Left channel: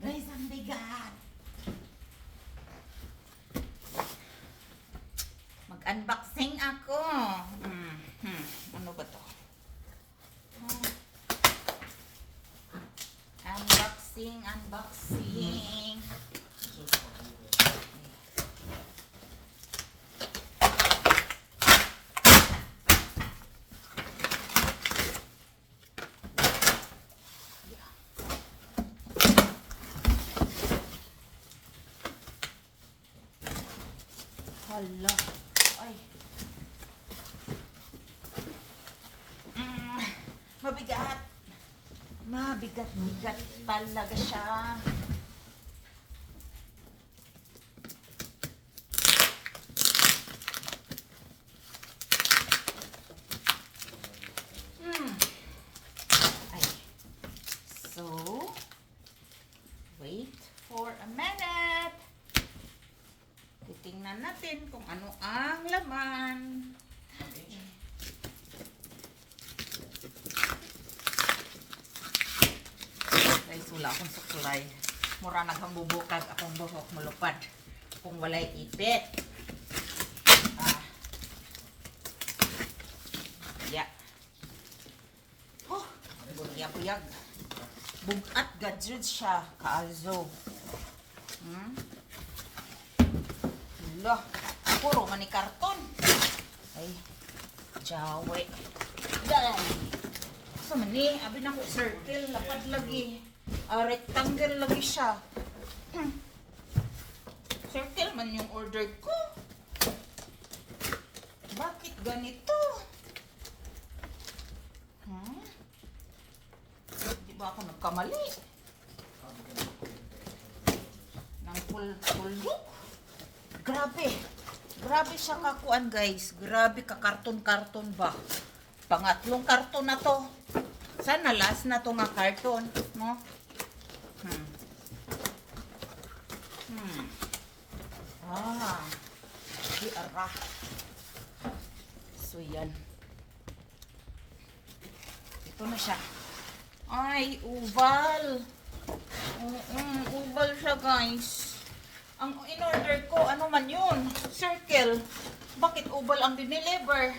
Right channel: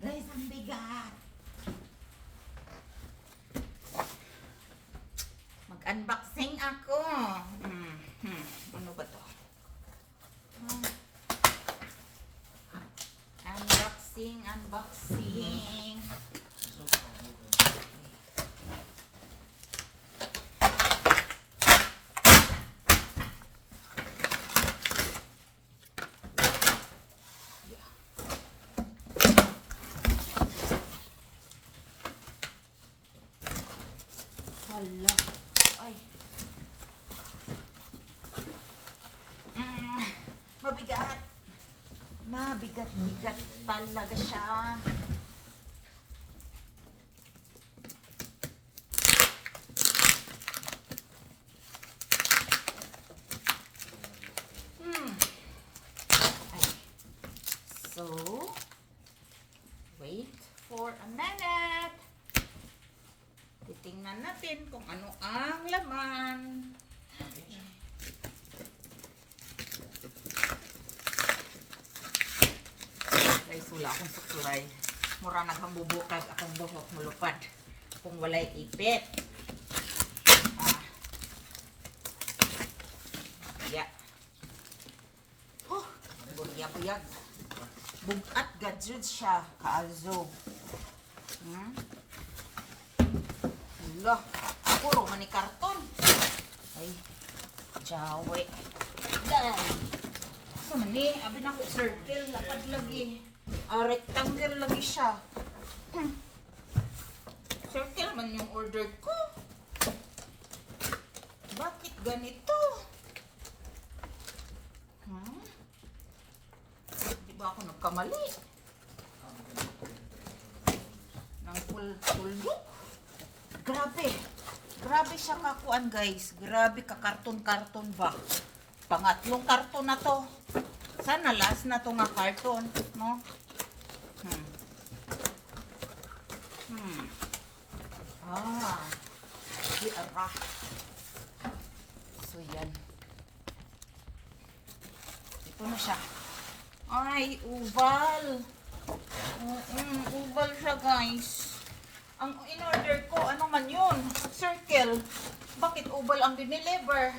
Guys, ang bigat. Mag-unboxing ako. Ano ba to? Unboxing. Hala. Ay. Mabigat. Mabigat talaga siya. Ay. So, wait for a minute. Titingnan natin kung ano ang laman. Guys, wala akong suklay. Mura naghambubukag akong buhok malupad. Kung walay ipit. Yeah. Buyag-buyag. Bugat gadget siya. Kaazo. Wala. Puro mani karton. Ay. Jawe. Dan. So mani, abi na ko circle. Lapad lagi. Rectangle lagi siya. Circle man yung order ko. Bakit ganito? Di ba ako nagkamali? Nang full look. Grabe. Grabe siya kakuan, guys. Grabe ka karton-karton ba? Pangatlong karton na to. Sana last na to nga karton, no? Di ara. So yan. Ito na siya. Ay, oval. Oval siya, guys. Ang in-order ko, ano man yun? Circle. Bakit oval ang dineliver?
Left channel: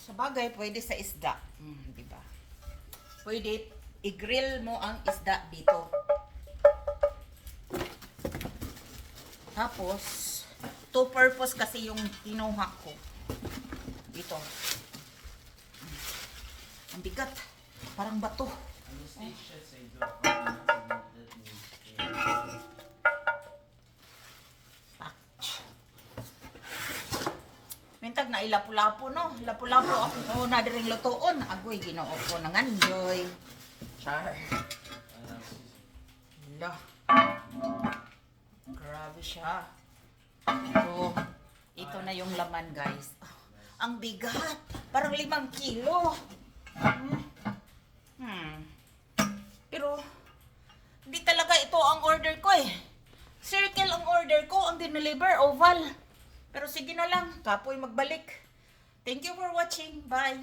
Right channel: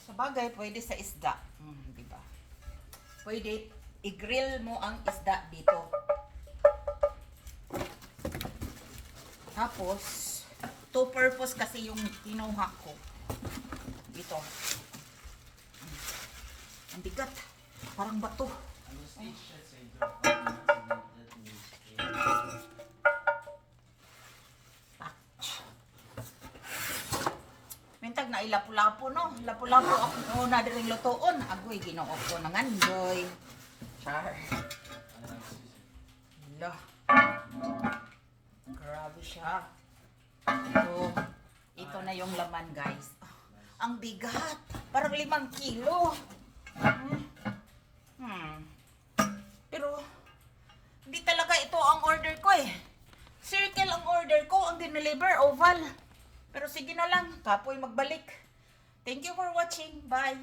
Sa bagay, pwede sa isda. Diba? Pwede i-grill mo ang isda dito. Tapos, two purpose kasi yung kinuha ko. Dito. Ang bigat. Parang bato. Mintag na ilapu-lapu, no? Lapu-lapu ako na diring lutoon. Agoy, ginoo ko nangandoy. Char. Hala. Grabe siya. So, ito na yung laman, guys. Ang bigat. Parang 5 kilo. Pero, hindi talaga ito ang order ko eh. Circle ang order ko, ang dineliver, oval. Pero sige na lang, kapoy magbalik. Thank you for watching. Bye.